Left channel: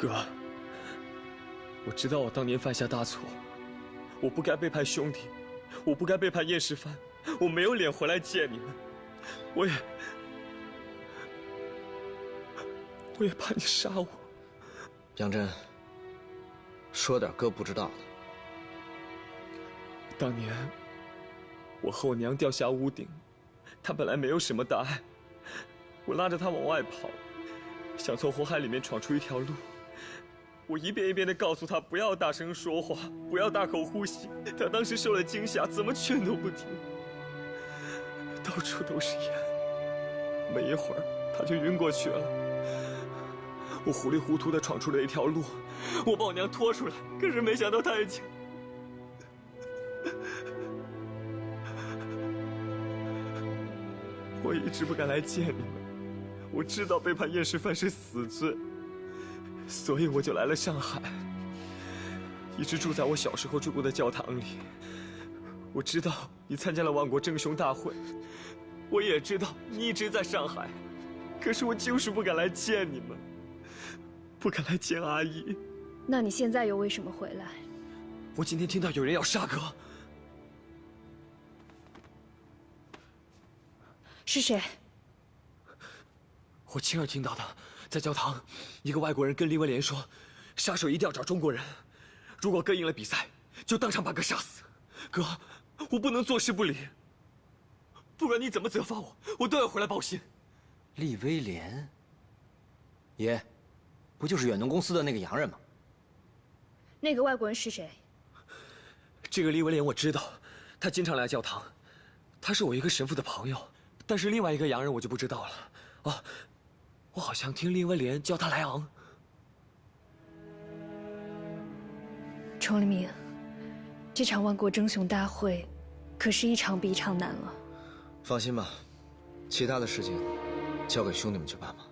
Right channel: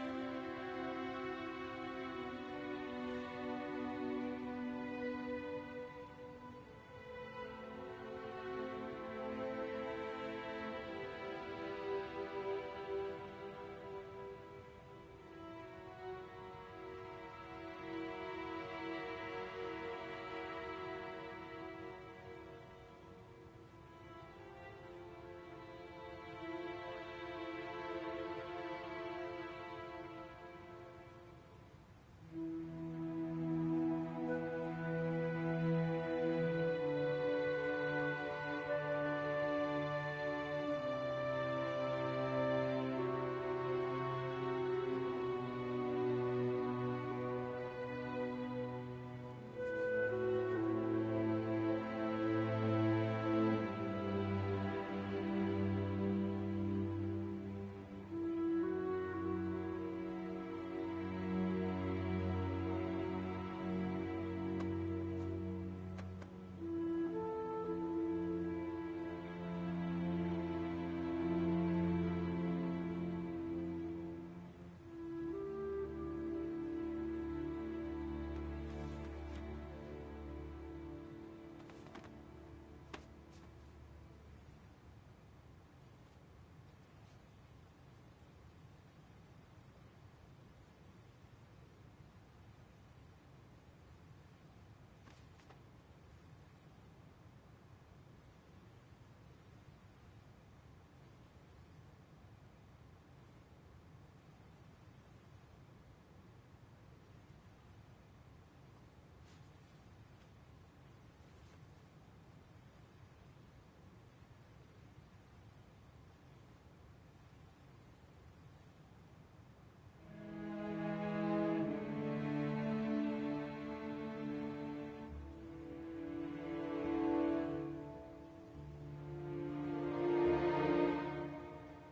哥，我知道我当年犯下大错，我不该背叛兄弟，我不该背叛叶世蕃，我没有脸回来见你们，我也怕你杀我。杨真，说点哥不知道的。当年我和我娘掉下屋顶，她本来没有什么大碍，我拉着她往外跑，想从火海里面闯出一条路。我一遍一遍地告诉她不要大声说话，不要大口呼吸。她当时受了惊吓，怎么劝都不听，到处都是烟，没一会儿她就晕过去了。我糊里糊涂地闯出了一条路，我把我娘拖出来，可是没想到她已经……我一直不敢来见你，我知道背叛叶世蕃是死罪，所以我就来了上海，一直住在我小时候住过的教堂里。我知道你参加了万国争雄大会，我也知道你一直在上海，可是我就是不敢来见你们，不敢来见阿姨。那你现在又为什么回来？我今天听到有人要杀哥。是谁？我亲耳听到的，在教堂，一个外国人跟林文莲说，杀手一定要找中国人，如果哥赢了比赛，就当场把哥杀死。哥，我不能坐视不理，不管你怎么责罚我，我都要回来报信。厉威廉，爷，不就是远东公司的那个洋人吗？那个外国人是谁？这个厉文莲我知道，他经常来教堂，他是我一个神父的朋友。但是另外一个洋人我就不知道了。哦，我好像听厉文莲叫他莱昂。崇利明，这场万国争雄大会，可是一场比一场难了。放心吧，其他的事情交给兄弟们去办吧。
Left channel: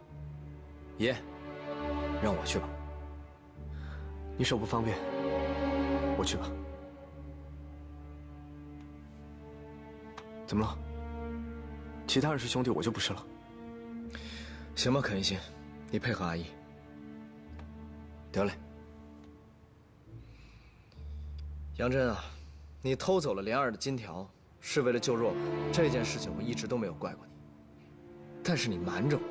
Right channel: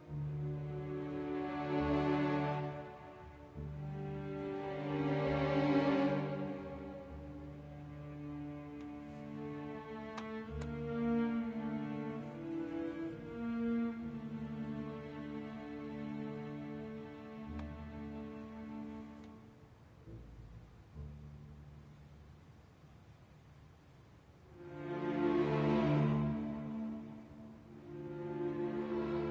爷，让我去吧。你手不方便，我去吧。怎么了？其他人是兄弟，我就不是了。行吧，肯一心，你配合阿姨。得嘞。杨真啊，你偷走了莲儿的金条，是为了救若婉，这件事情我一直都没有怪过你。但是你瞒着我，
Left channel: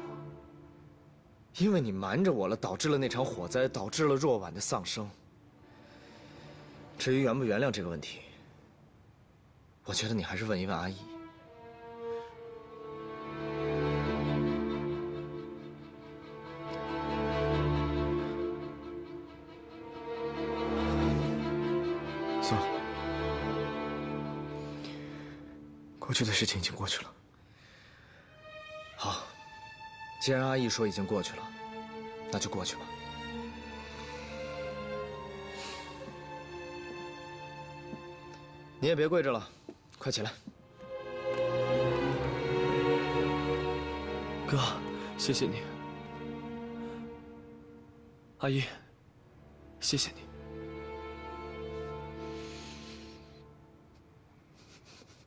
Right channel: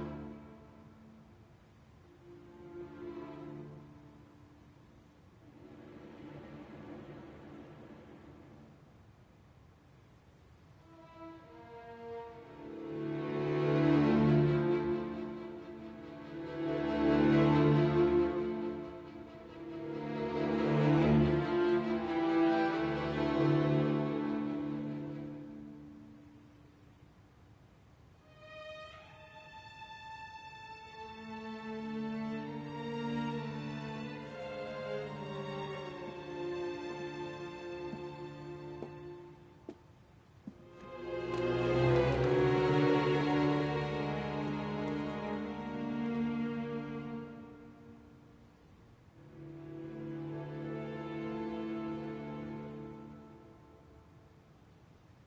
因为你瞒着我了，导致了那场火灾，导致了若婉的丧生。至于原不原谅这个问题，我觉得你还是问一问阿姨。过去的事情已经过去了。好，既然阿姨说已经过去了，那就过去吧。你也别跪着了，快起来。哥，谢谢你。阿姨，谢谢你。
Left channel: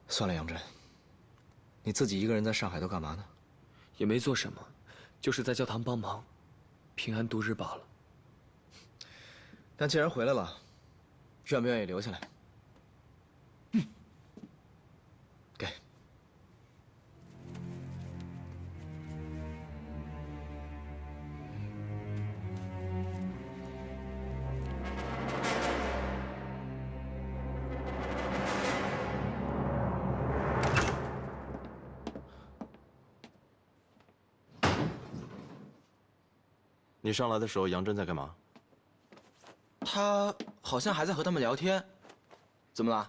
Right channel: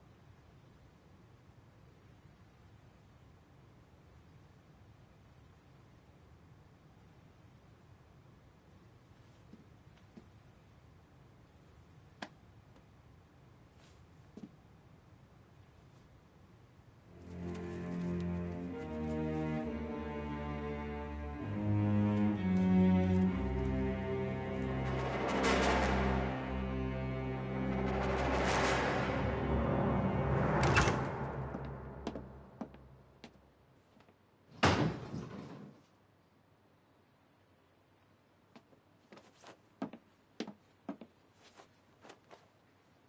算了，杨真，你自己一个人在上海都干嘛呢？也没做什么，就是在教堂帮忙，平安度日罢了。但既然回来了，愿不愿意留下来？给。你上来的时候，杨真在干嘛？他好像还在和他们聊天。怎么了？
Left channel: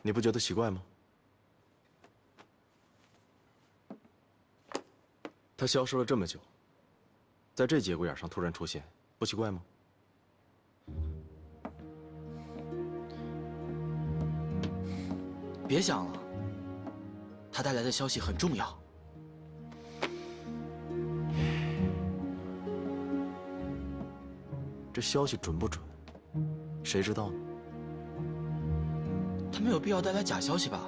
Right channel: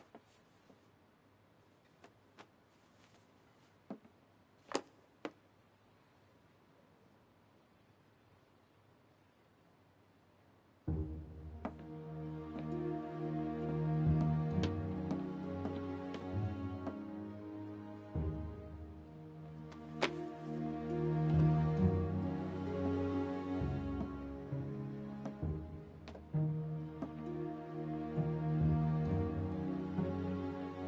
你不觉得奇怪吗？他消失了这么久，在这节骨眼上突然出现，不奇怪吗？别想了，他带来的消息很重要。这消息准不准？谁知道呢？他没有必要带来假消息吧？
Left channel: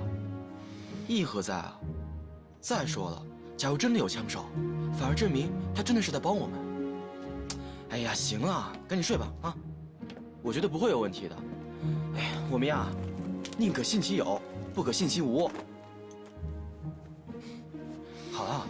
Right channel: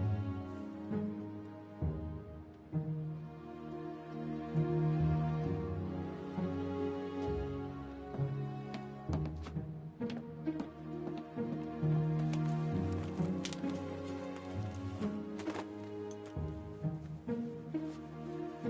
意义何在啊？再说了，假如真的有枪手，反而证明他真的是在帮我们。哎呀，呀，行了，赶紧睡吧啊！我觉得不会有问题的。哎呀，我们呀，宁可信其有，不可信其无。好了。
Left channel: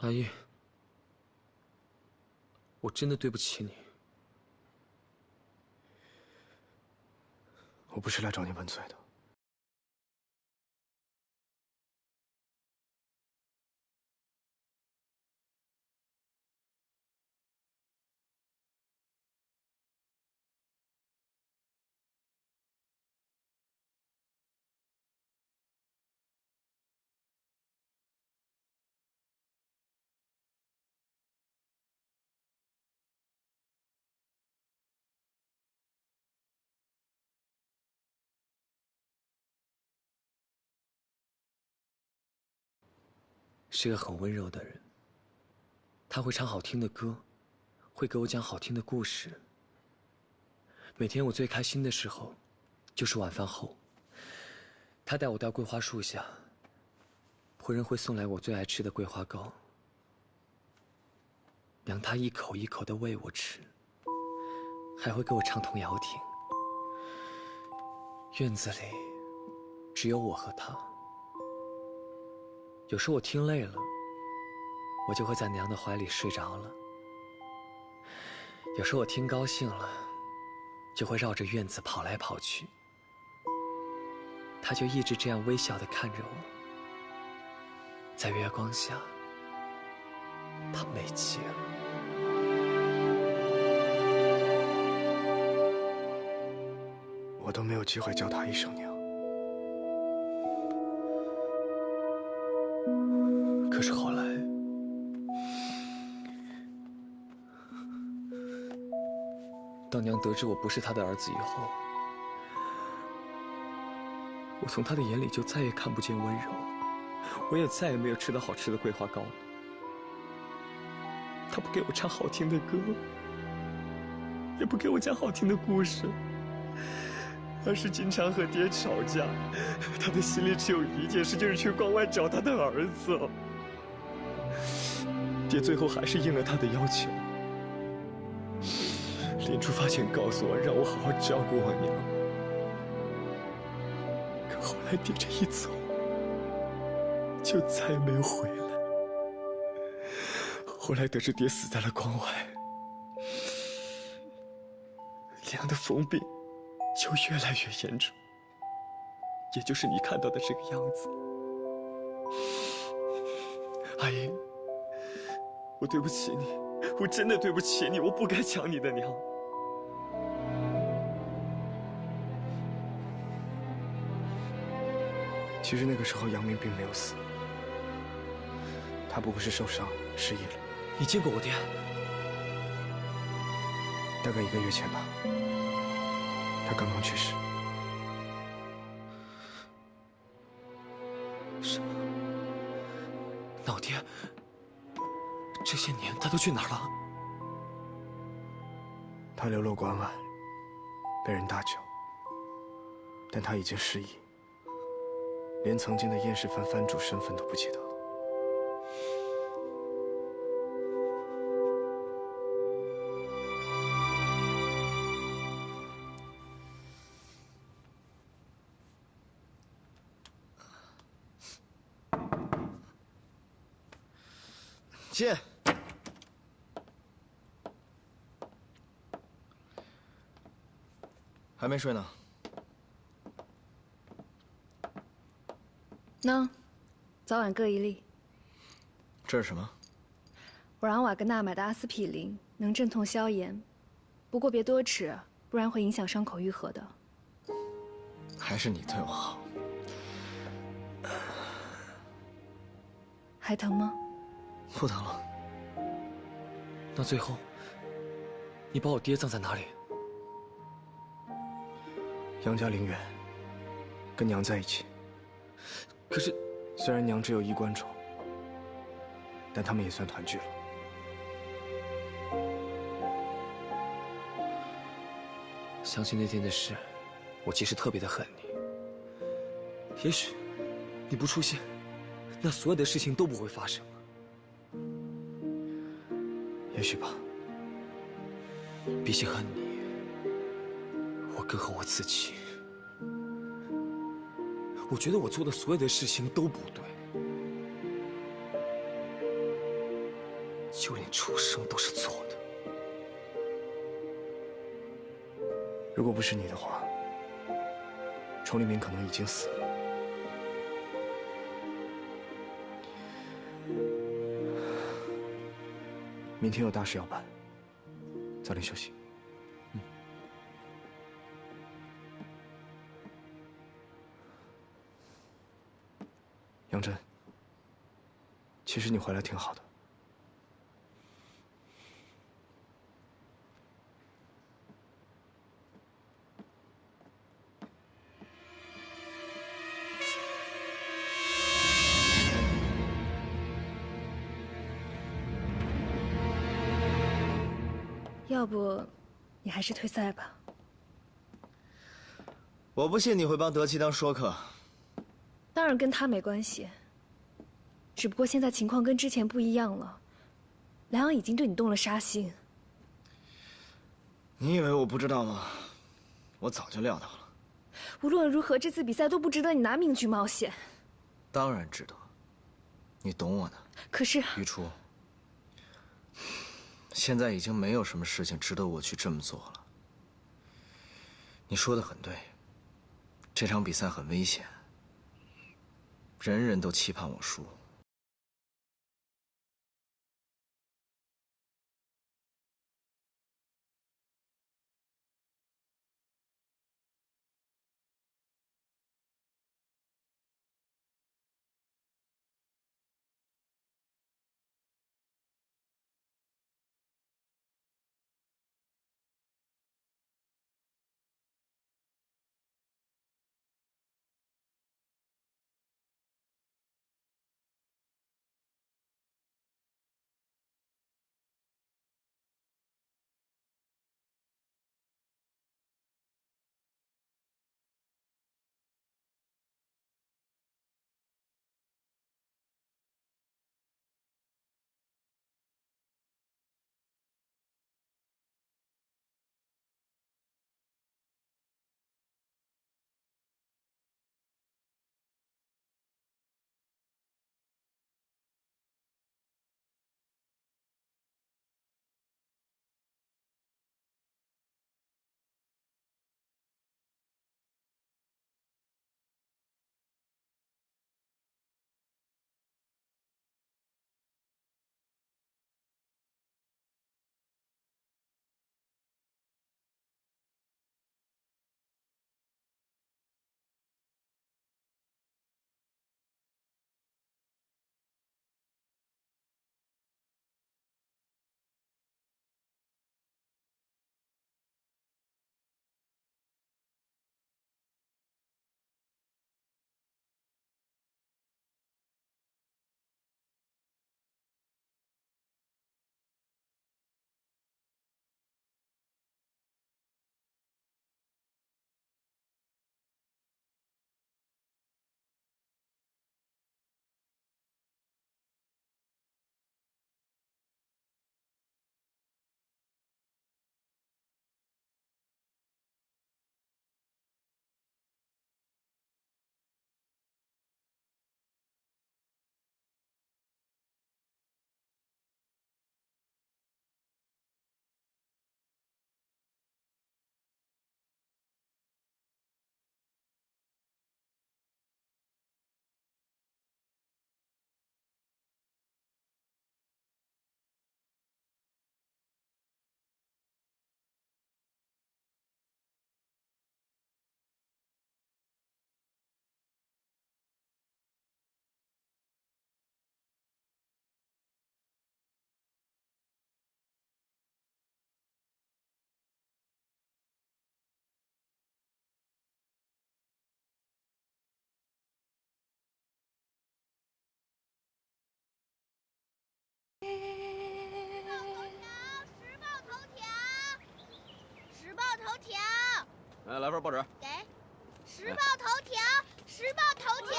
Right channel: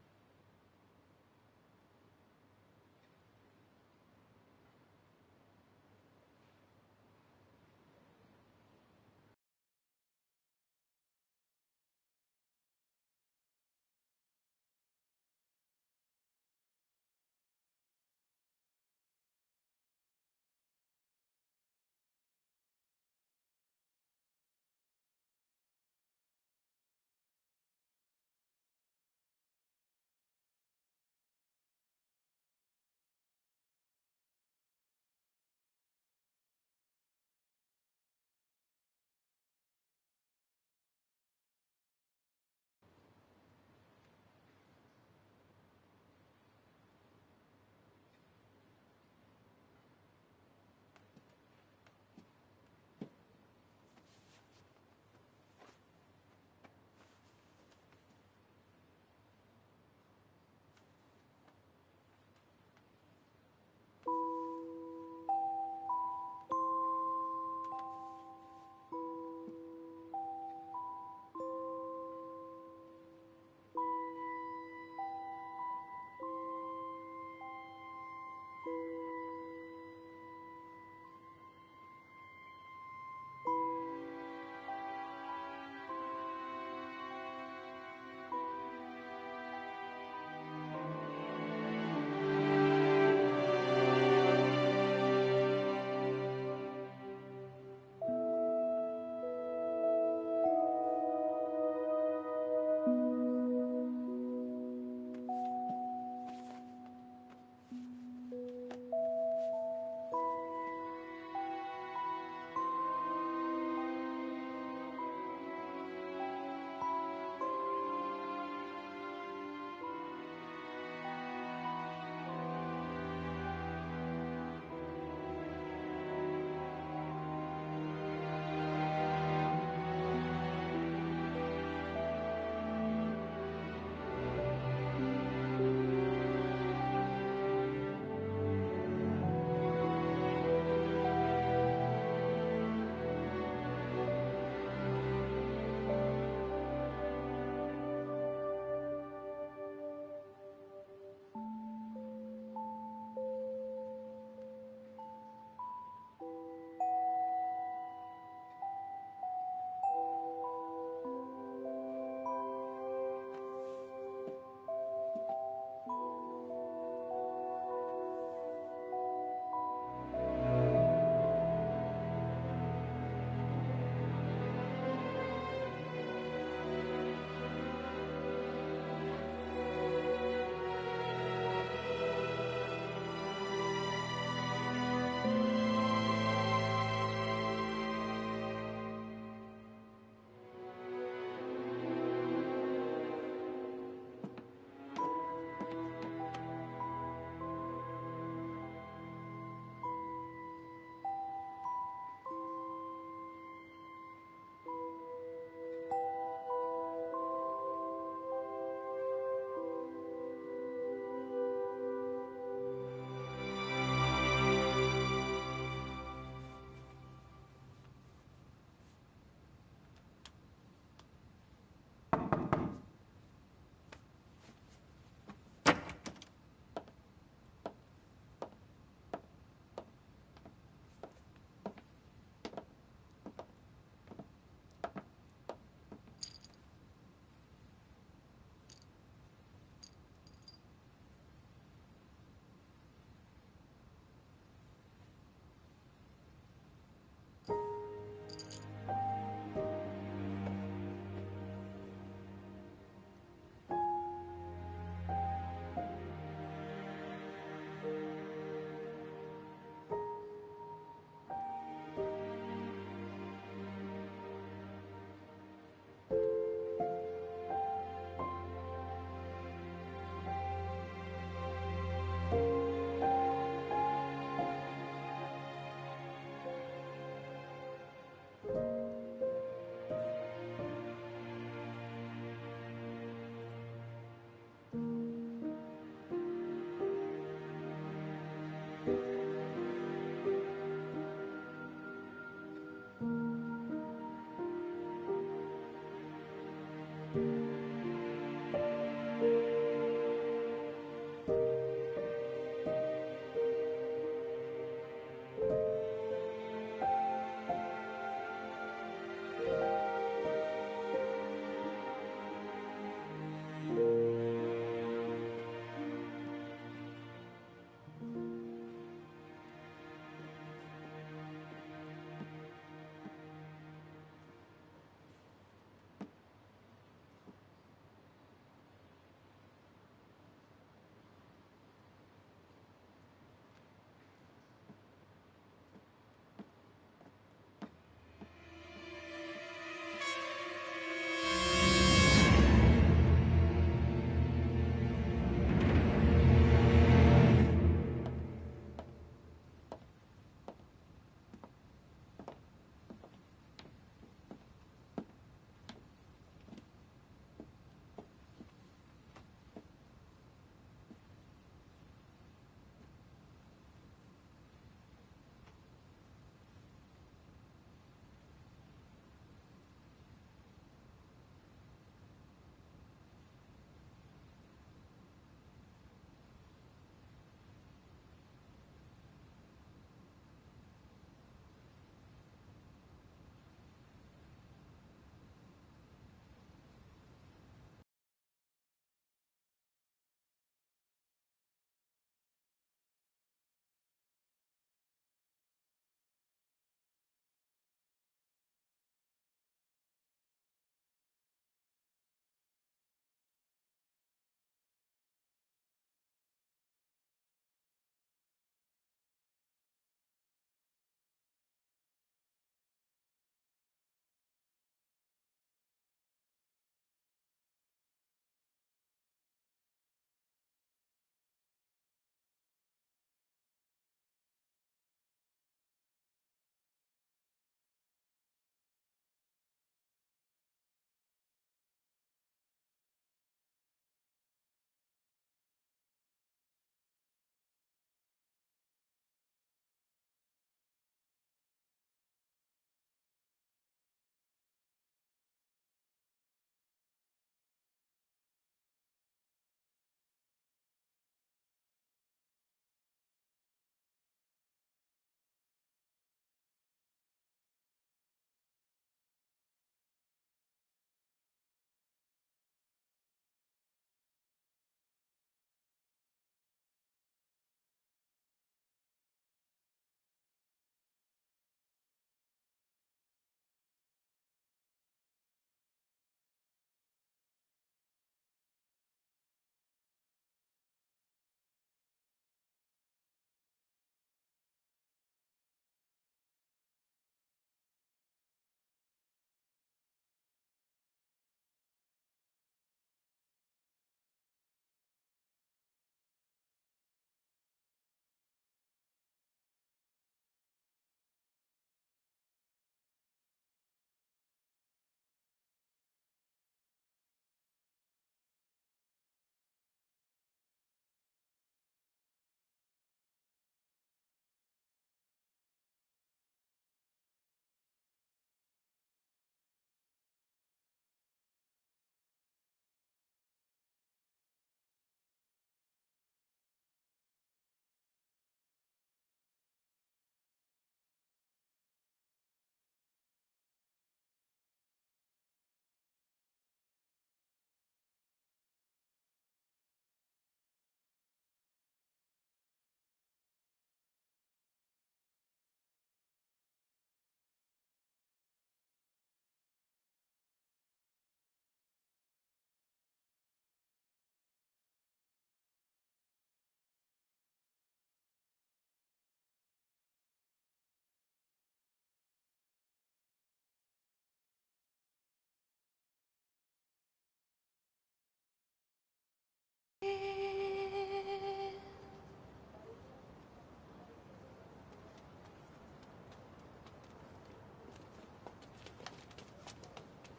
阿姨，我真的对不起你。我不是来找你问罪的。是个很温柔的人，他会唱好听的歌，会给我讲好听的故事。每天我最开心的时候，就是晚饭后，他带我到桂花树下，仆人会送来我最爱吃的桂花糕，娘她一口一口地喂我吃，还会给我唱童谣听。院子里只有我和他。有时我听累了，我就会在娘的怀里睡着了。有时我听高兴了，就会绕着院子跑来跑去。他就一直这样微笑地看着我，在月光下，他没劲了。我都没有机会叫她一声娘。可是后来，当娘得知我不是她的儿子以后，我从她的眼里就再也看不见温柔，我也再也没有吃到好吃的桂花糕。她不给我唱好听的歌，也不给我讲好听的故事，而是经常和爹吵架。她的心里只有一件事，就是去关外找她的儿子。爹最后还是应了他的要求，临出发前告诉我，让我好好照顾我娘。可后来爹这一走，就再也没有回来。后来得知爹死在了关外，娘的疯病就越来越严重，也就是你看到的这个样子。阿姨，我对不起你，我真的对不起你，我不该抢你的娘。其实那个时候，杨明并没有死，他不过是受伤失忆了。你见过我爹？大概1个月前吧，他刚刚去世。什么？那我爹这些年他都去哪儿了？他流落关外，被人搭救，但他已经失忆，连曾经的燕氏藩藩主身份都不记得了。进。还没睡呢。喏，早晚各1粒。这是什么？我让瓦格纳买的阿司匹林，能镇痛消炎，不过别多吃，不然会影响伤口愈合的。还是你对我好。还疼吗？不疼了。那最后，你把我爹葬在哪里？杨家陵园，跟娘在一起。可是，虽然娘只有衣冠冢，但他们也算团聚了。想起那天的事，我其实特别的恨你。也许，你不出现，那所有的事情都不会发生。也许吧。比起恨你，我更恨我自己。我觉得我做的所有的事情都不对，就连出生都是错的。如果不是你的话，崇立明可能已经死了。明天有大事要办，早点休息。杨真，其实你回来挺好的。要不，你还是退赛吧。我不信你会帮德基当说客。当然跟他没关系，只不过现在情况跟之前不一样了。莱昂已经对你动了杀心。你以为我不知道吗？我早就料到了。无论如何，这次比赛都不值得你拿命去冒险。当然值得。你懂我的。可是，于初，现在已经没有什么事情值得我去这么做了。你说的很对，这场比赛很危险，人人都期盼我输。来份报纸。给，时报头条，时报头条。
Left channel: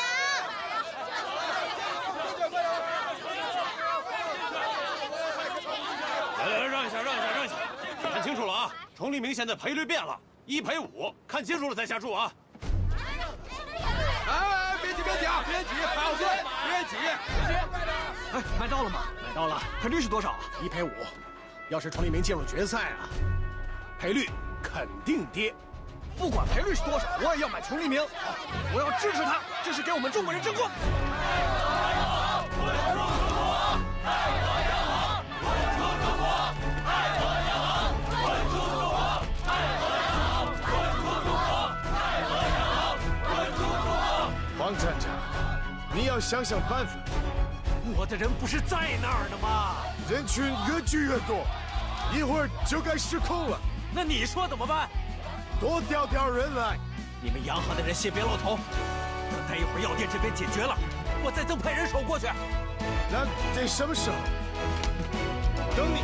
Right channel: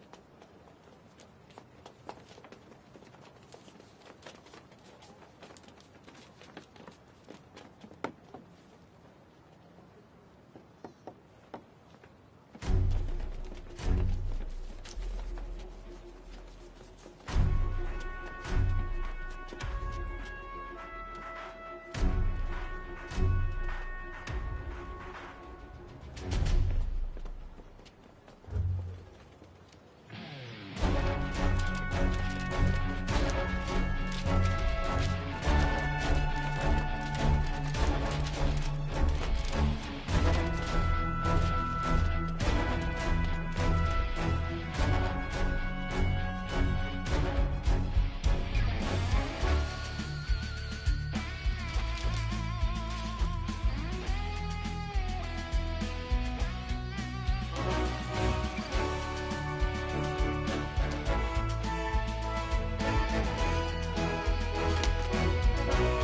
来，让一下，看清楚了啊！崇立明现在赔率变了，1赔5，看清楚了再下注啊！哎，别急，好些，别急。哎，买到了吗？买到了，赔率是多少啊？1赔5。要是崇立明进入决赛啊，赔率肯定跌。不管赔率是多少，我也要买崇立明。我要支持他，这是给我们中国人争光。王站长，你要想想办法。我的人不是在那儿的吗？人群越聚越多，一会儿就该失控了。那你说怎么办？多调人来。你们洋河的人先别落头，等待一会儿药店这边解决了，我再增派人手过去。那得什么时候？等你。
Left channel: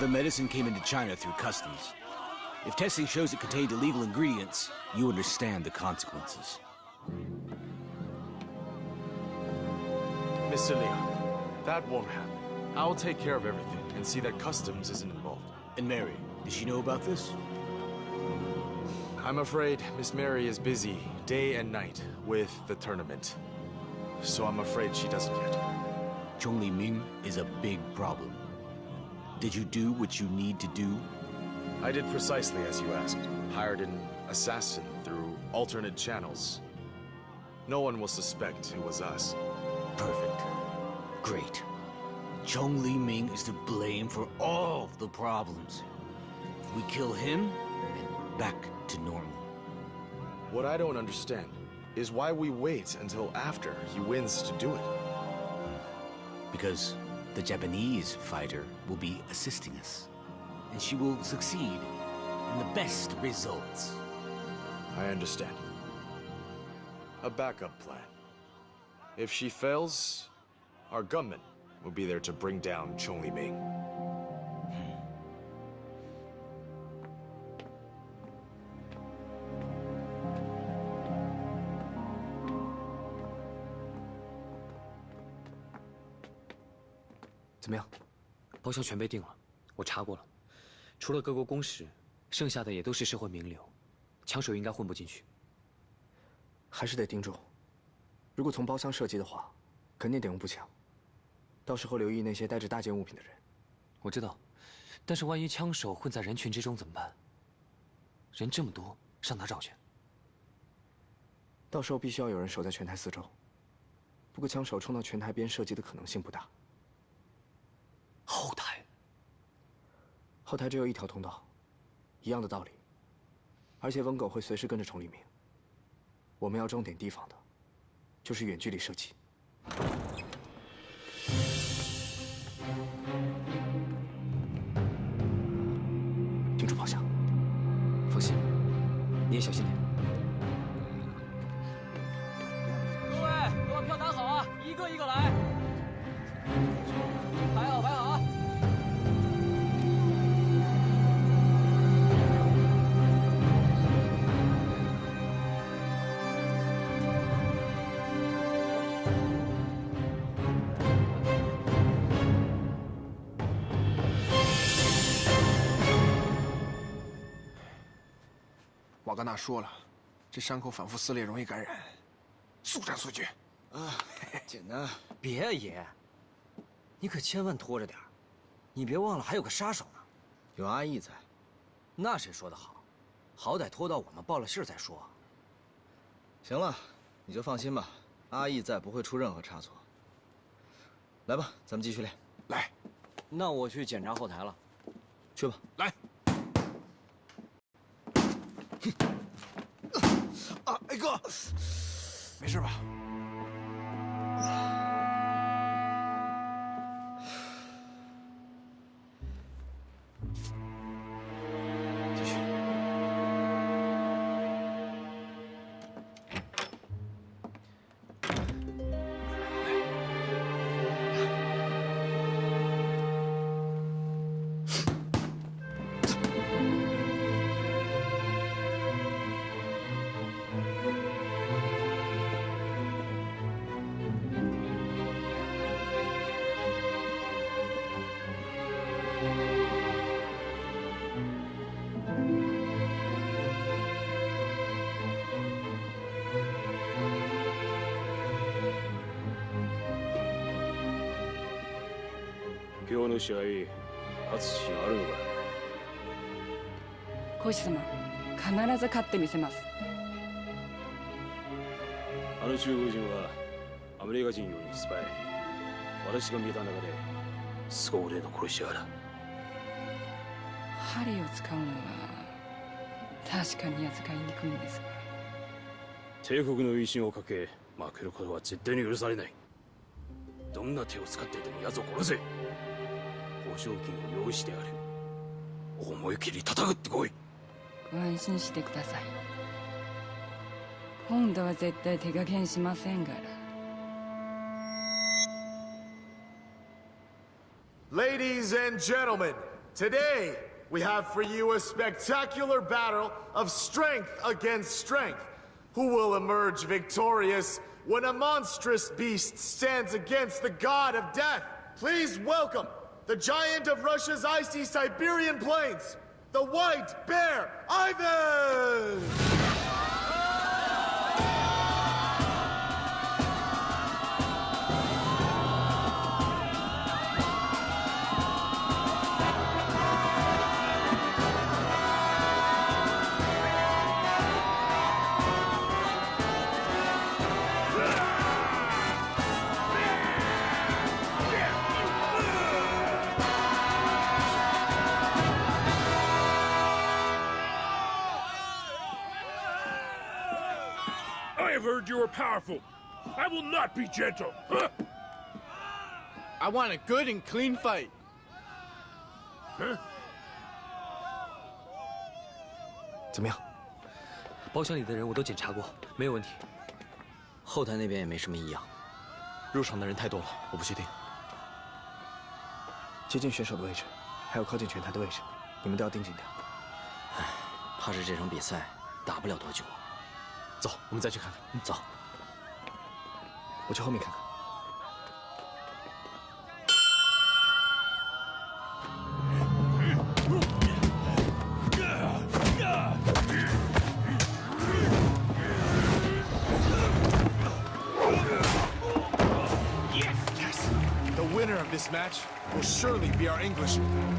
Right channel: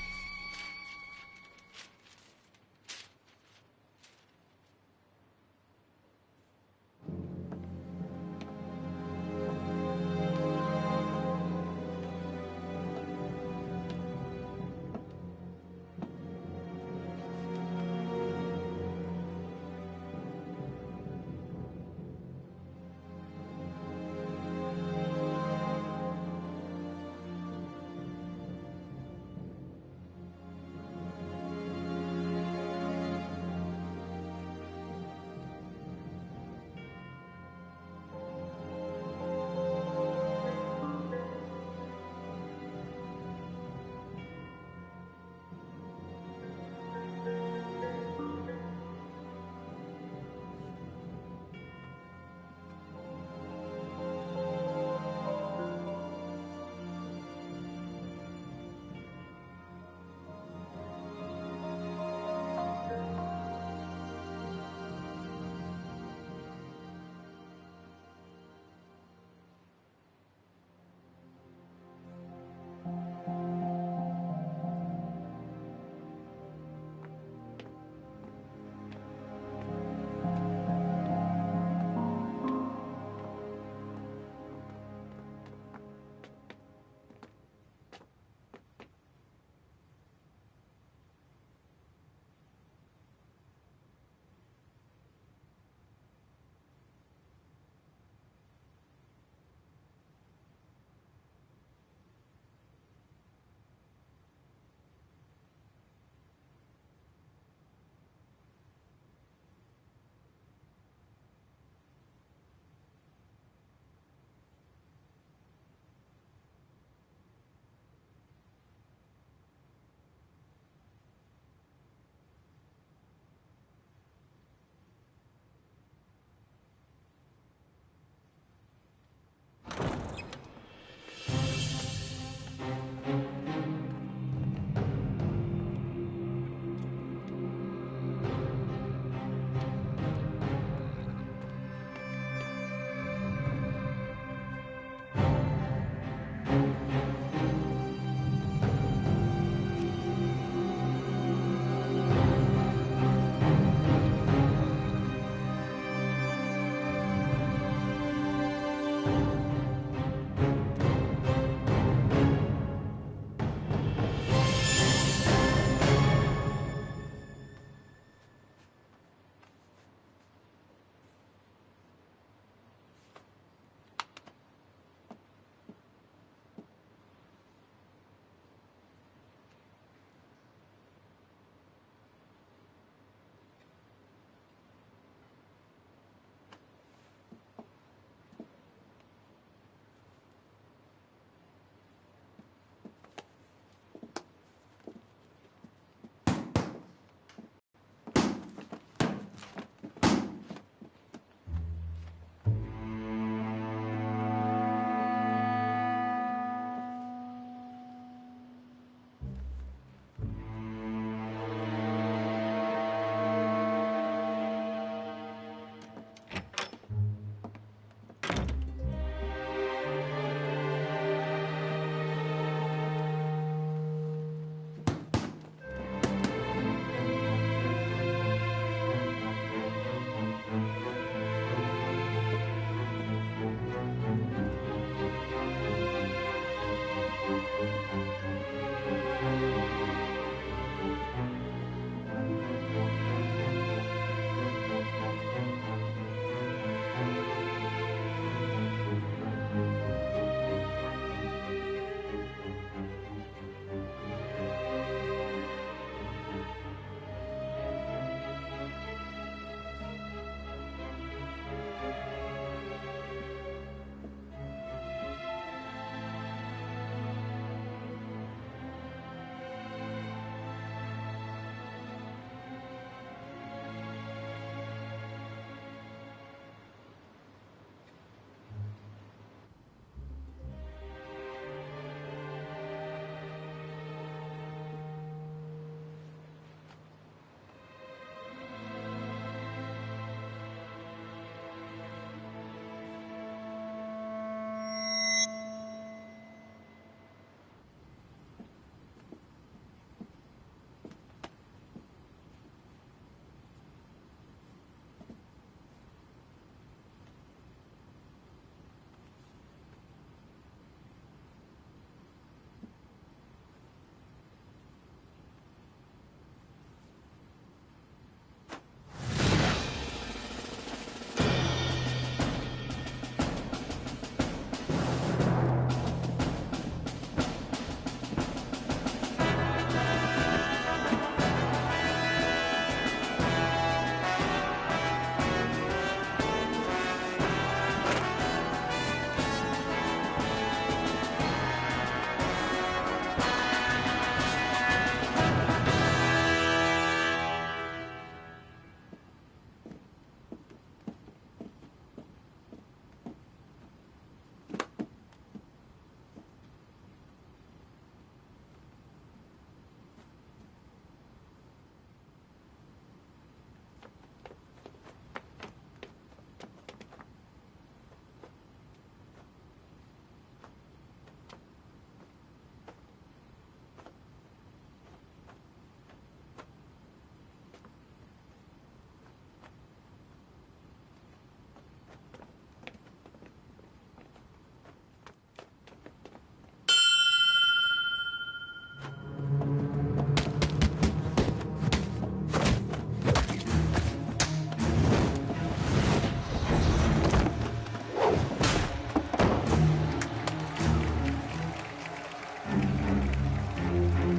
The medicine came into China through customs. If testing shows it contained illegal ingredients, you understand the consequences. Mr. Lee, that won't happen. I'll take care of everything and see that customs isn't involved. And Mary, does she know about this? I'm afraid Miss Mary is busy day and night with the tournament. So I'm afraid she doesn't yet. Chong Li Ming is a big problem. Did you do what you need to do? I did precisely as you asked. Hired an assassin through alternate channels. No one will suspect it was us. Perfect. Great. Chong Li Ming is to blame for all the problems. We kill him, and back to normal. What I don't understand is why we wait until after he wins to do it. Because the Japanese fighter will be assisting us, and she will succeed in the best results. I understand. A backup plan. If she fails, our gunmen will be there to bring down Chong Li Ming.怎么样？包厢全被定了，我查过了，除了各国公使，剩下的也都是社会名流，枪手应该混不进去。还是得盯住。如果从包厢射击的话，肯定得用步枪。到时候留意那些带着大件物品的人。我知道，但是万一枪手混在人群之中怎么办？人这么多，上哪找去？到时候必须要有人守在拳台四周。不过枪手冲到拳台边射击的可能性不大。后台。后台只有一条通道，一样的道理。而且温狗会随时跟着崇立明。我们要重点提防的，就是远距离射击。盯住炮响。放心，你也小心点。各位，都把票拿好啊，一个一个来。排好，排好啊。瓦格纳说了，这伤口反复撕裂容易感染，速战速决。简单。别爷，你可千万拖着点儿，你别忘了还有个杀手呢。有阿义在。那谁说的好？好歹拖到我们报了信再说。行了，你就放心吧，阿义在不会出任何差错。来吧，咱们继续练。来，那我去检查后台了。去吧。来。啊，哎哥，没事吧？今日の試合、勝つ自信あるのか。コーチ様、必ず勝ってみせます。あの中国人はアメリカ人よりスパイ。私が見た中ですご腕の殺し屋だ。針を使うのは確かに扱いにくいんですが。帝国の威信をかけ負けることは絶対に許されない。どんな手を使ってでも奴を殺せ。報奨金を用意してある。思い切り叩くってこい。ご安心してください。今度は絶対手加減しませんから。Ladies and gentlemen, today we have for you a spectacular battle of strength against strength. Who will emerge victorious when a monstrous beast stands against the god of death? Please welcome the giant of Russia's icy Siberian plains, the White Bear, Ivan! You are powerful. I will not be gentle. I want a good and clean fight. Huh? 怎么样？包厢里的人我都检查过，没有问题。后台那边也没什么异样。入场的人太多了，我不确定。接近选手的位置，还有靠近拳台的位置，你们都要盯紧点。唉，怕是这场比赛打不了多久。走，我们再去看看。走。我去后面看看。The winner of this match will surely be our Englishman.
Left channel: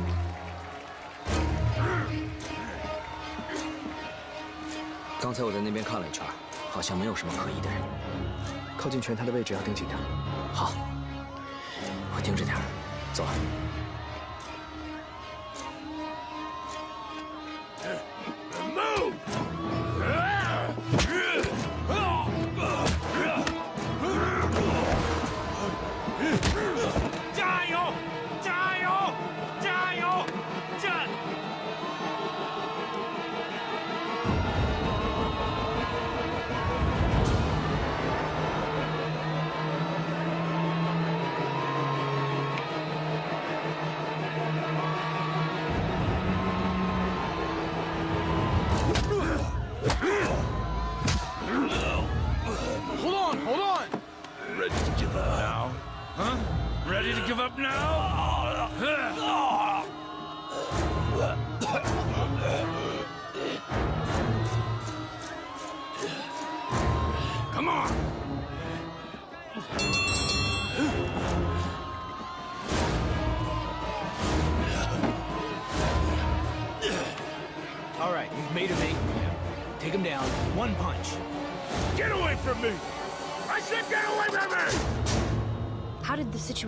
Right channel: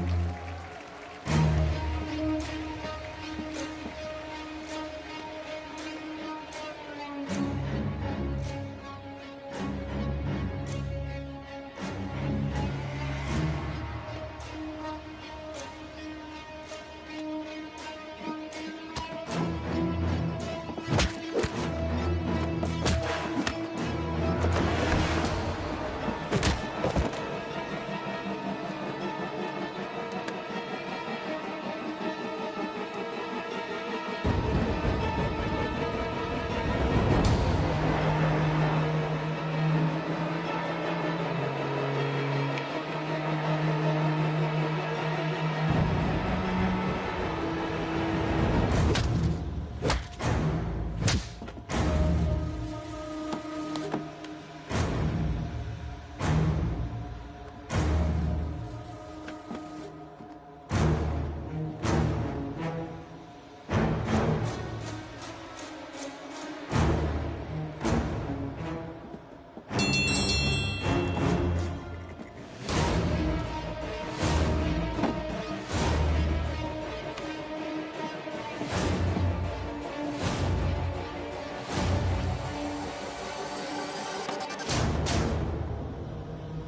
刚才我在那边看了一圈，好像没有什么可疑的人。靠近拳台的位置要盯紧点。好，我盯着点。走。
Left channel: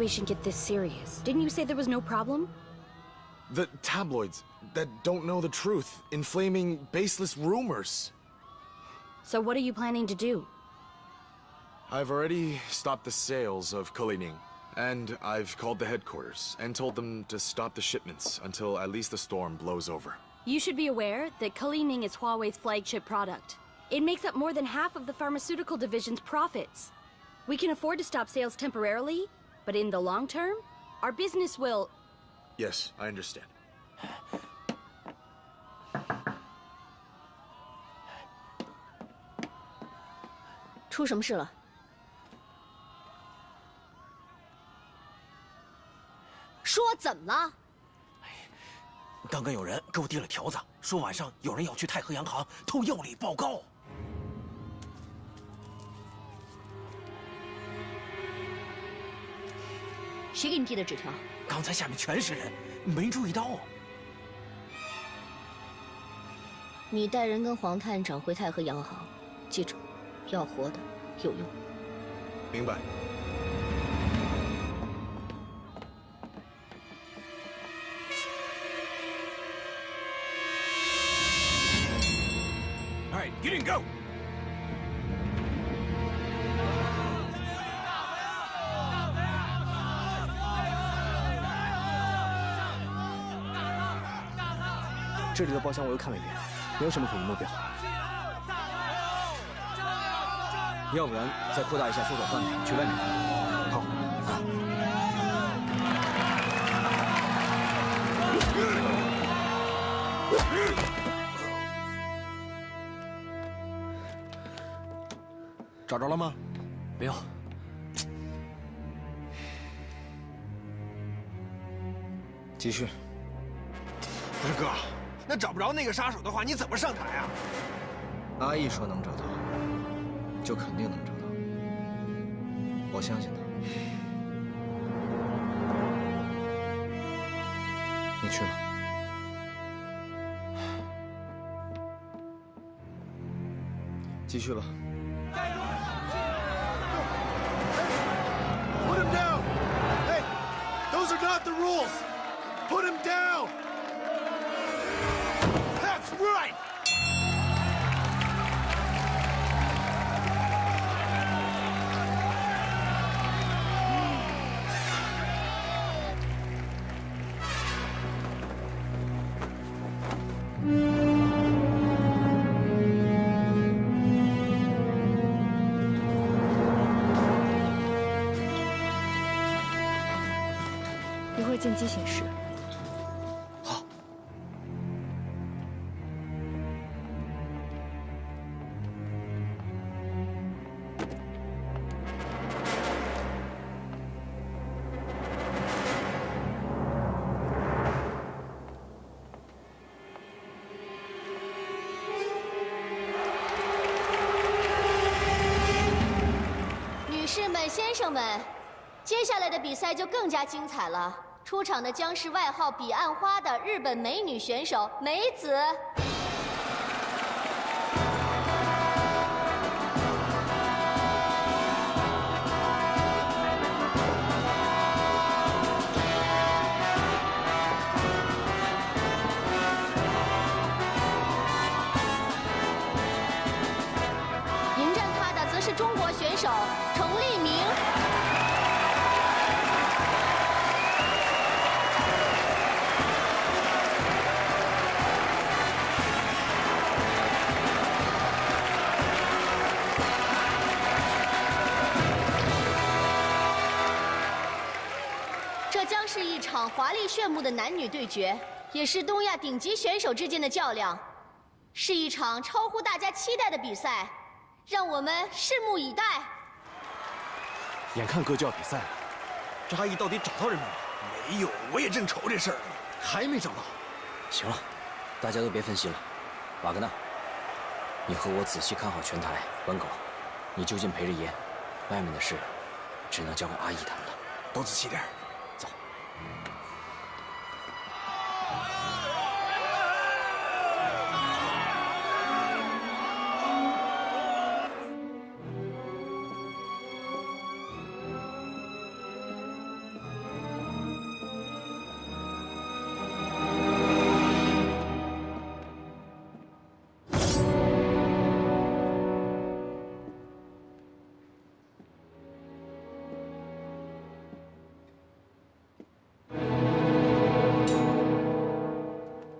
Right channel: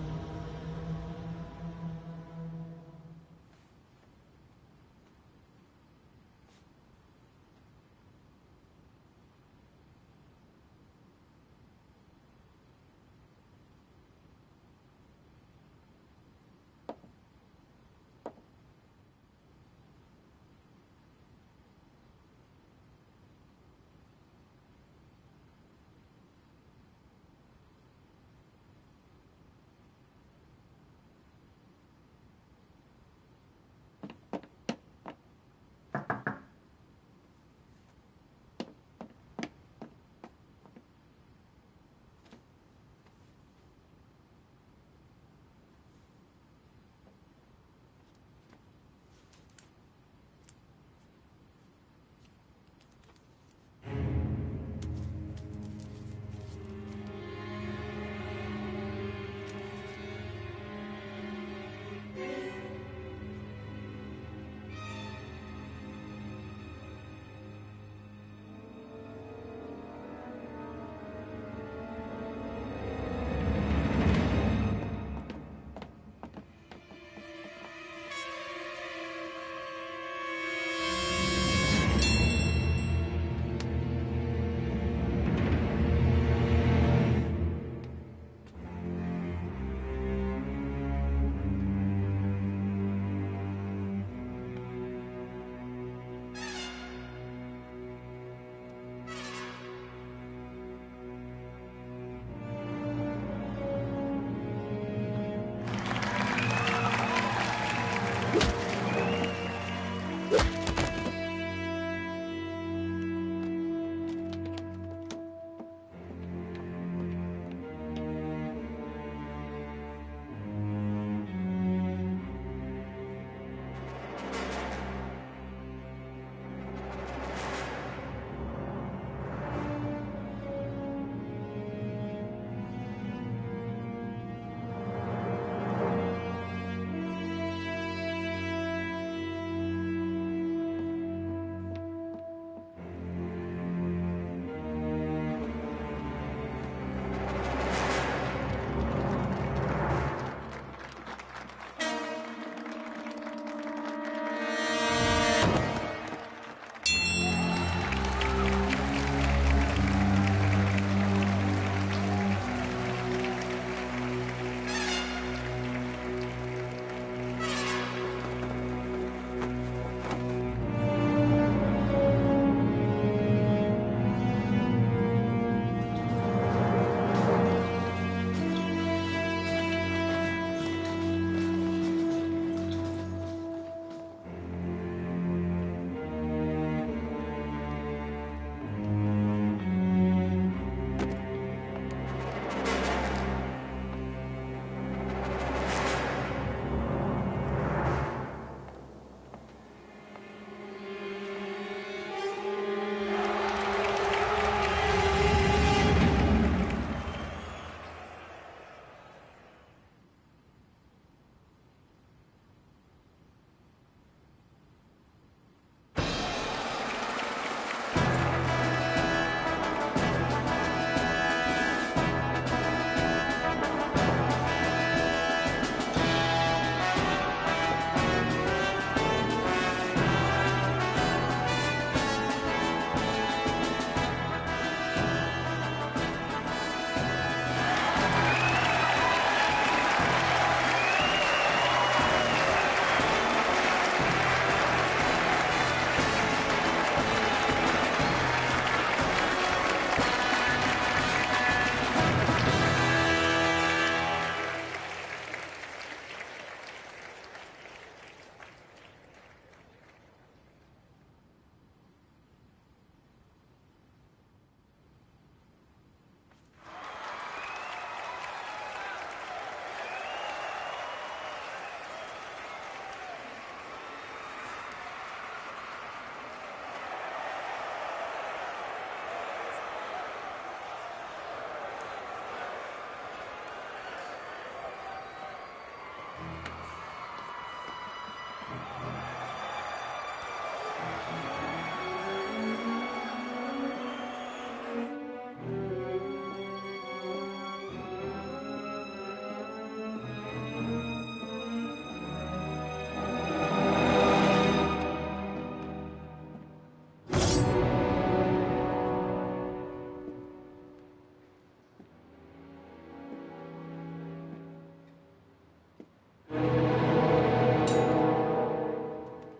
situation get this serious? Didn't you say there was no problem? The tabloids that don't know the truth, inflaming baseless rumors. So what are you planning to do? I've already stopped the sales of Kalining, and I've called the headquarters and told them to stop the shipments until at least the storm blows over. You should be aware that Kalining is Huawei's flagship product. It makes up more than half of the pharmaceutical division's profits. We can afford to stop sales temporarily, but in the long term, our business will... Yes, I understand. 出什么事了？说怎么了？刚刚有人给我递了条子，说晚上有人要去太和洋行偷药理报告。谁给你递的纸条？刚才下面全是人，没注意到。你带人跟黄探长回太和洋行，记住，要活的，有用。明白。 Go! 这里的包厢我又看了一遍，没有什么可疑目标。要不然再扩大一下搜索范围，去外面看。好。找着了吗？没有。继续。二哥，那找不着那个杀手的话，你怎么上台啊？阿义说能找到，就肯定能找到。我相信他。你去吧。 继续吧。 Put him down! Hey, those are not the rules! Put him down! That's right!接下来的比赛就更加精彩了。出场的将是外号“彼岸花”的日本美女选手梅子。迎战她的则是中国选手程立明。 华丽炫目的男女对决，也是东亚顶级选手之间的较量，是一场超乎大家期待的比赛，让我们拭目以待。眼看哥就要比赛了，这阿义到底找到人没有？没有，我也正愁这事儿，还没找到。行了，大家都别分析了。瓦格纳，你和我仔细看好拳台。文狗，你就近陪着爷，外面的事只能交给阿义他们了。都仔细点。 啊，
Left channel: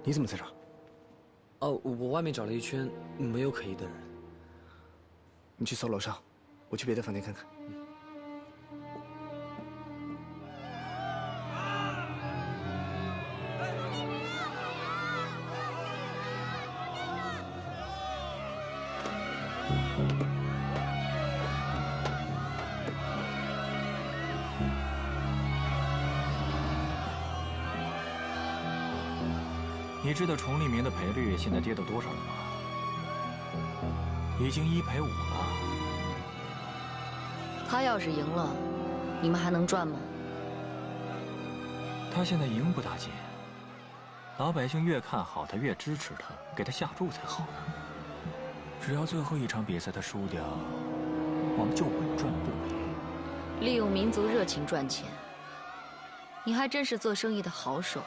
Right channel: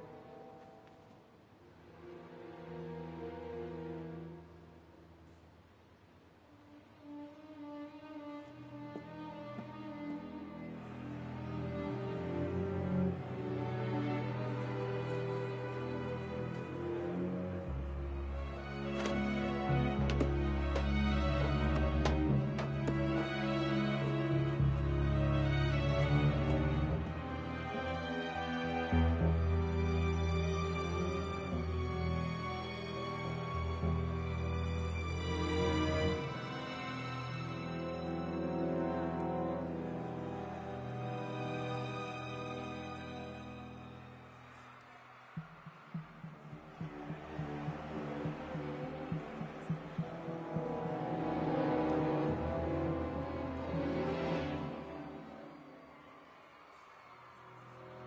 你怎么在这儿？哦，我外面找了一圈，没有可疑的人。你去搜楼上，我去别的房间看看。你知道崇利明的赔率现在跌到多少了吗？已经1赔5了。他要是赢了，你们还能赚吗？他现在赢不大进，老百姓越看好他，越支持他，给他下注才好呢。只要最后一场比赛他输掉，我们就稳赚不赔。利用民族热情赚钱，你还真是做生意的好手。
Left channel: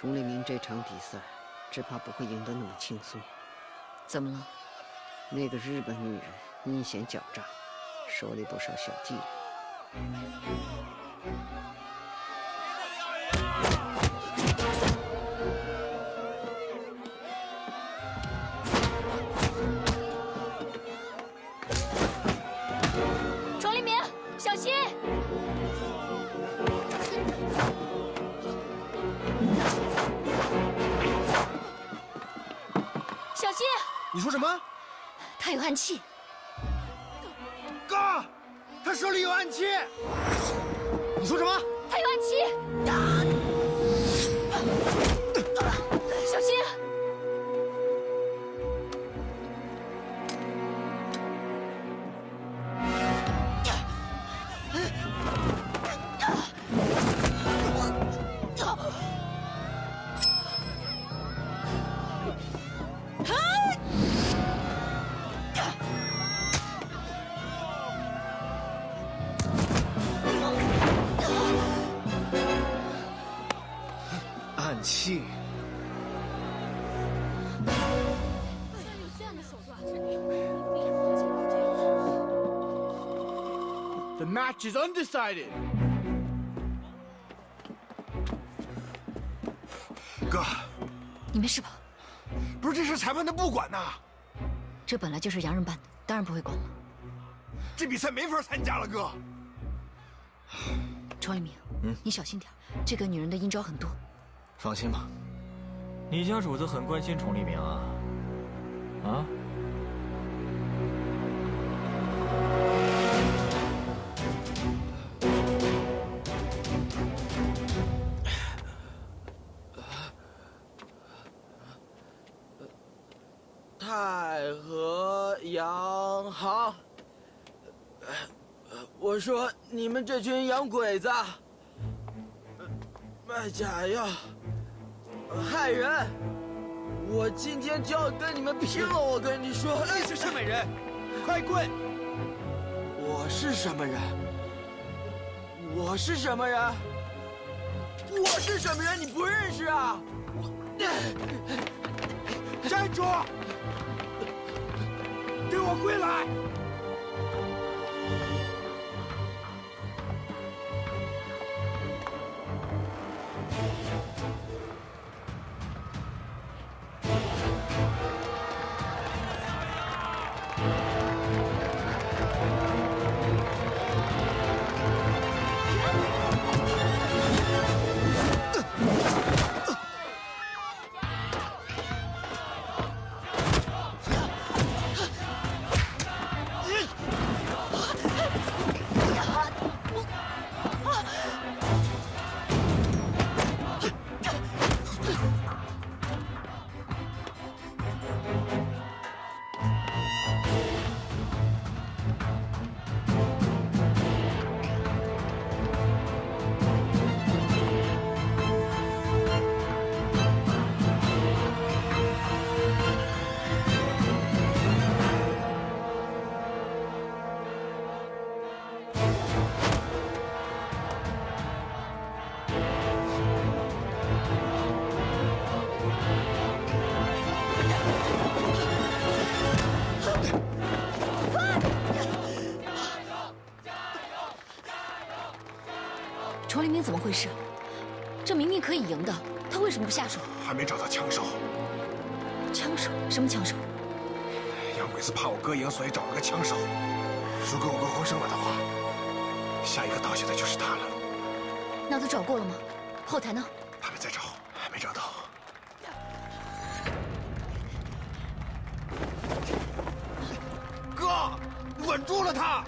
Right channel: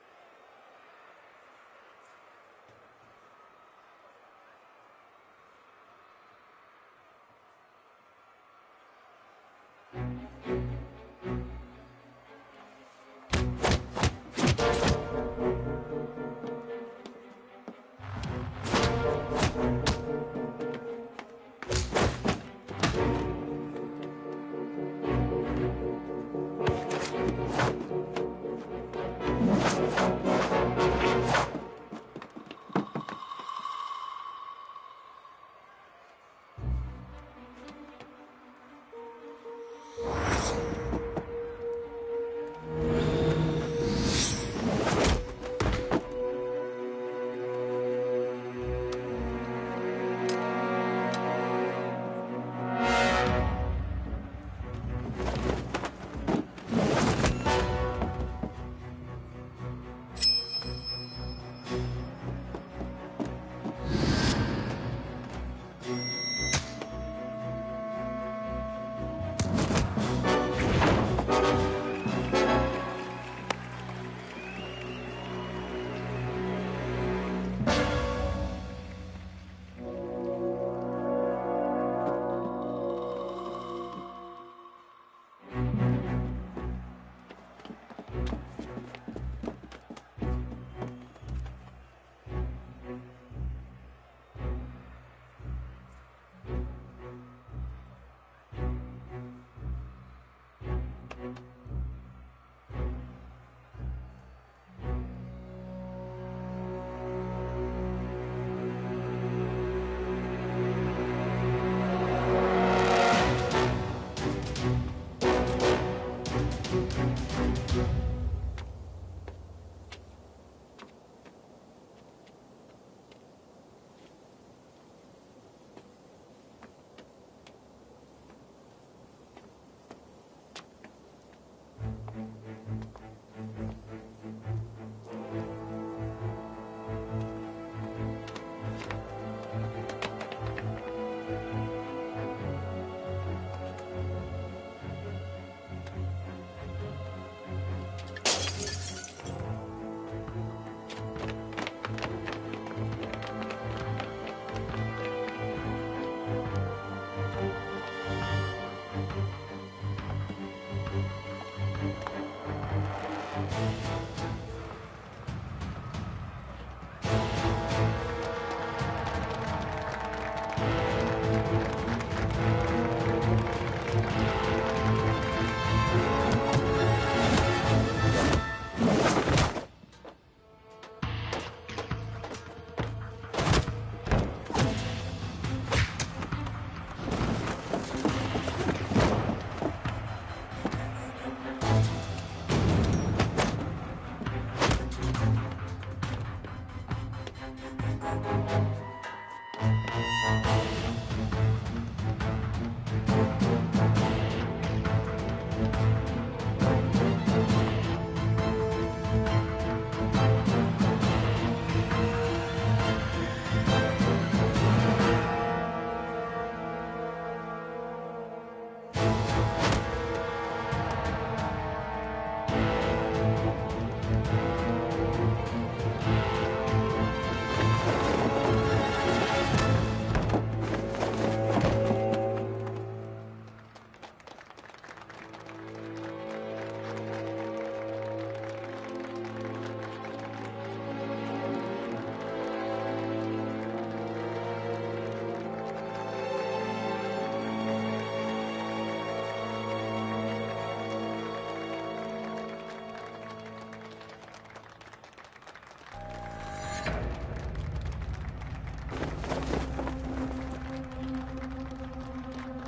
崇利明这场比赛，只怕不会赢得那么轻松。怎么了？那个日本女人阴险狡诈，手里不少小伎俩。崇利明，小心！小心！你说什么？他有暗器。哥，他手里有暗器。你说什么？他有暗器。小心！暗器。The match is undecided. 哥，你没事吧？不是这事裁判他不管呐。这本来就是洋人办的，当然不会管了。这比赛没法参加了，哥。崇一鸣，你小心点，这个女人的阴招很多。放心吧。你家主子很关心崇利明啊？啊？太和洋行，我说你们这群洋鬼子，卖假药，害人！我今天就要跟你们拼了！我跟你说，你是什么人？快跪！我是什么人？我是什么人？我是什么人？你不认识啊？站住！给我跪来！回事？这明明可以赢的，他为什么不下手？还没找到枪手。枪手？什么枪手？妖鬼子怕我哥赢，所以找了个枪手。如果我哥获胜了的话，下一个倒下的就是他了。那都找过了吗？后台呢？他们在找，还没找到。哥，稳住了他！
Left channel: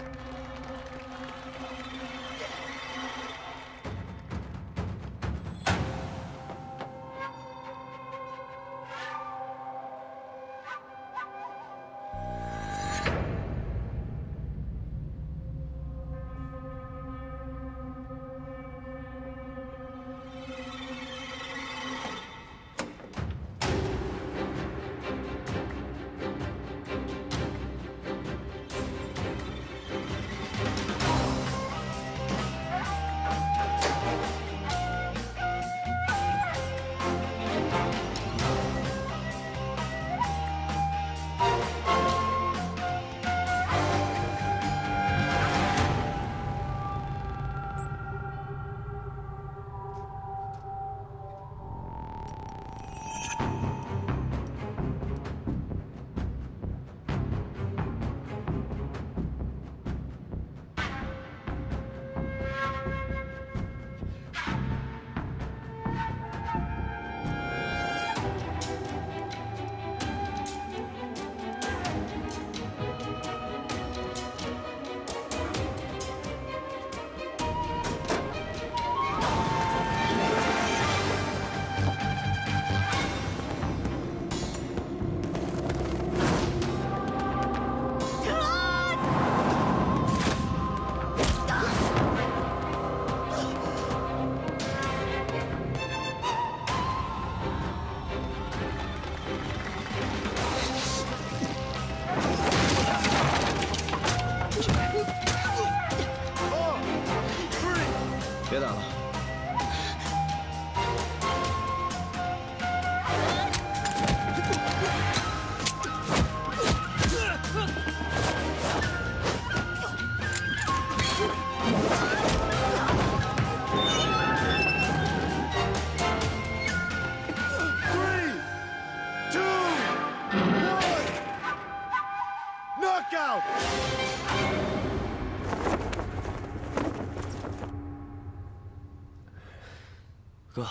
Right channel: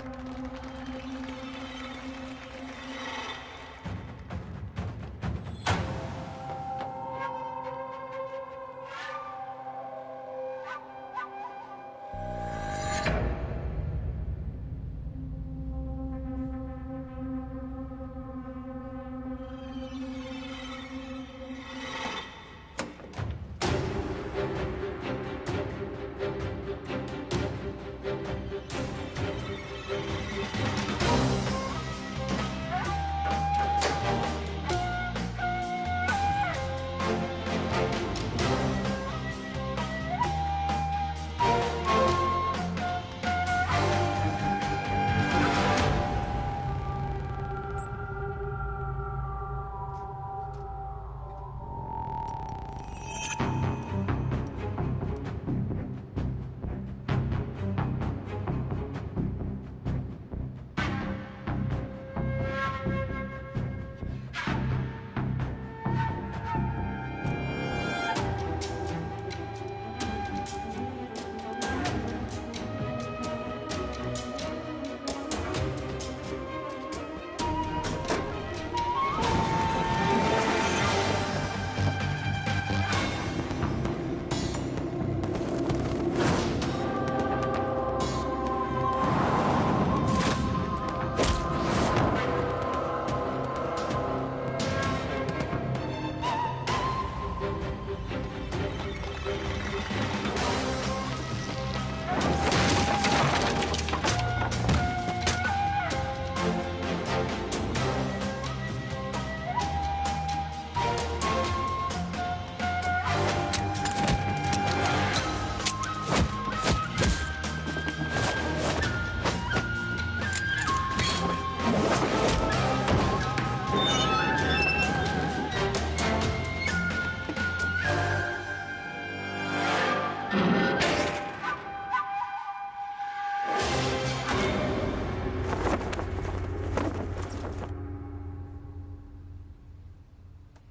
哥，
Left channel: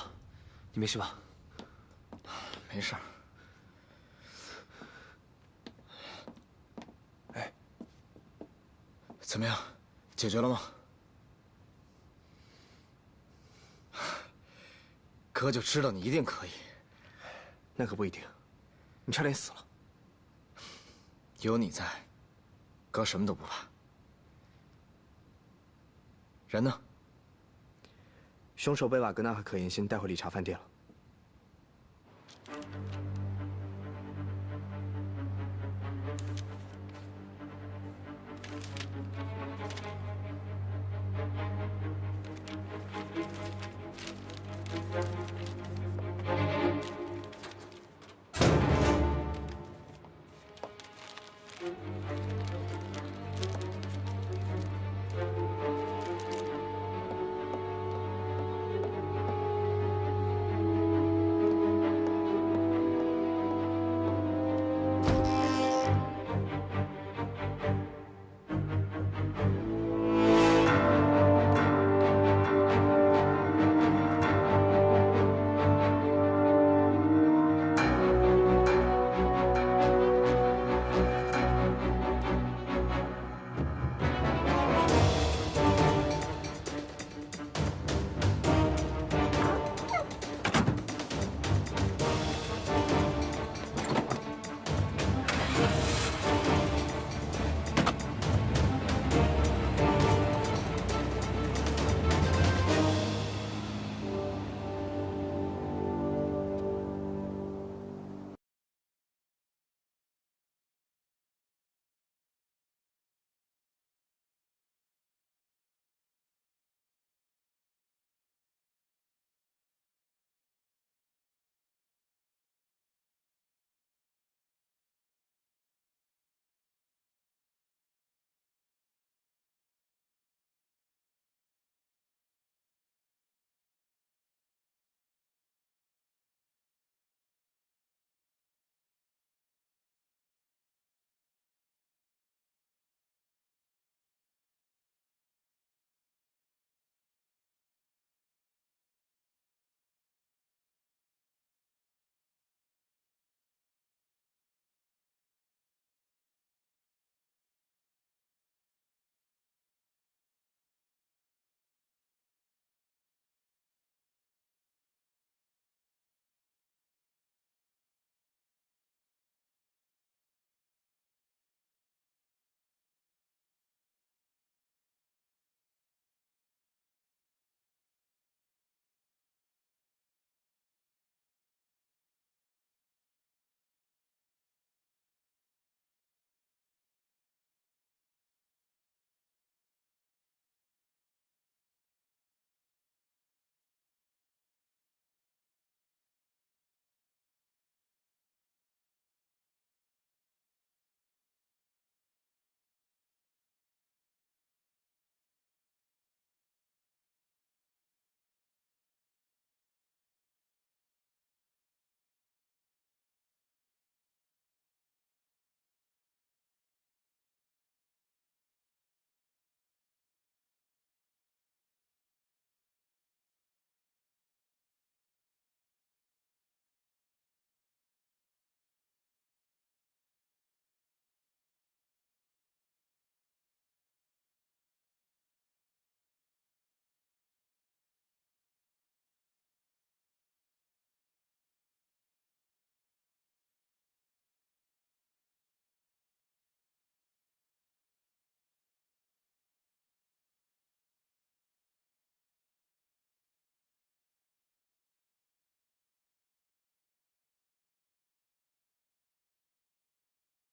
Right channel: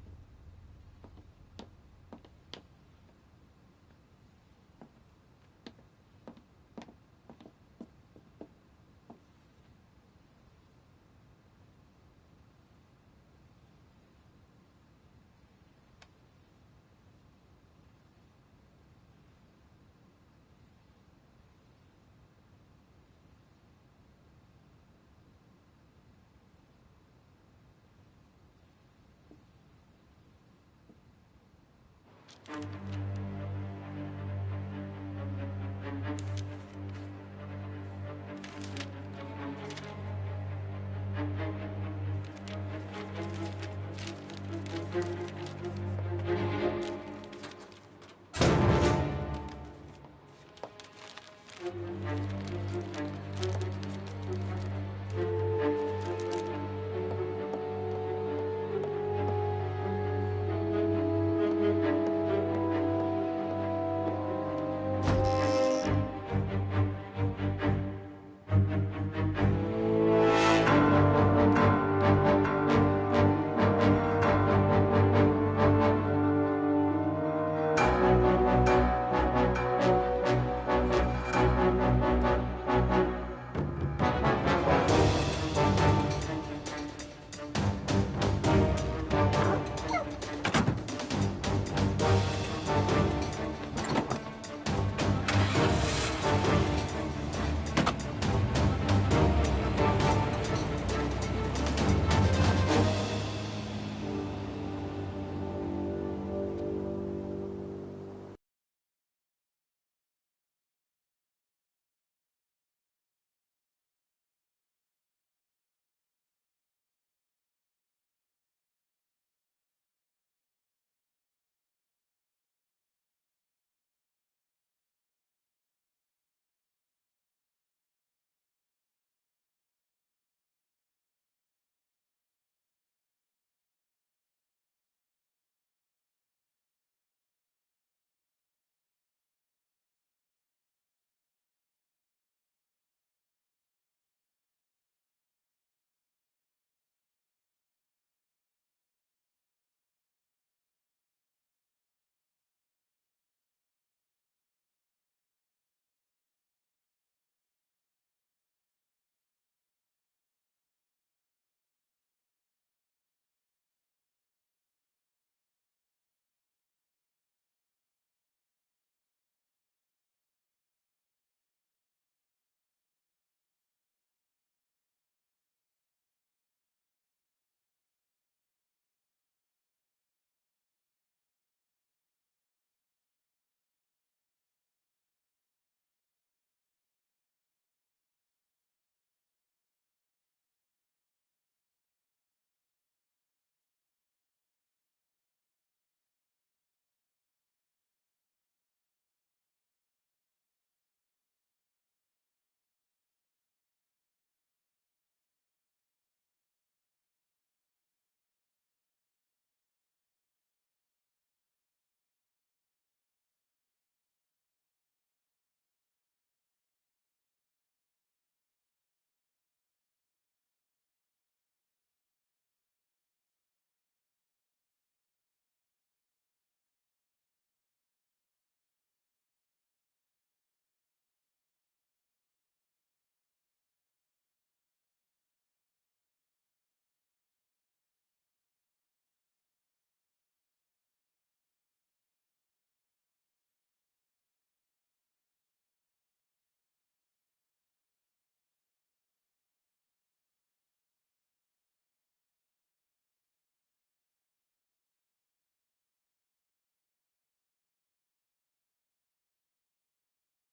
你没事吧？没事。哎，怎么样？解决了吗？哥就知道你一定可以。那可不一定，你差点死了。有你在，哥什么都不怕。人呢？凶手被瓦格纳和可言心带回理查饭店了。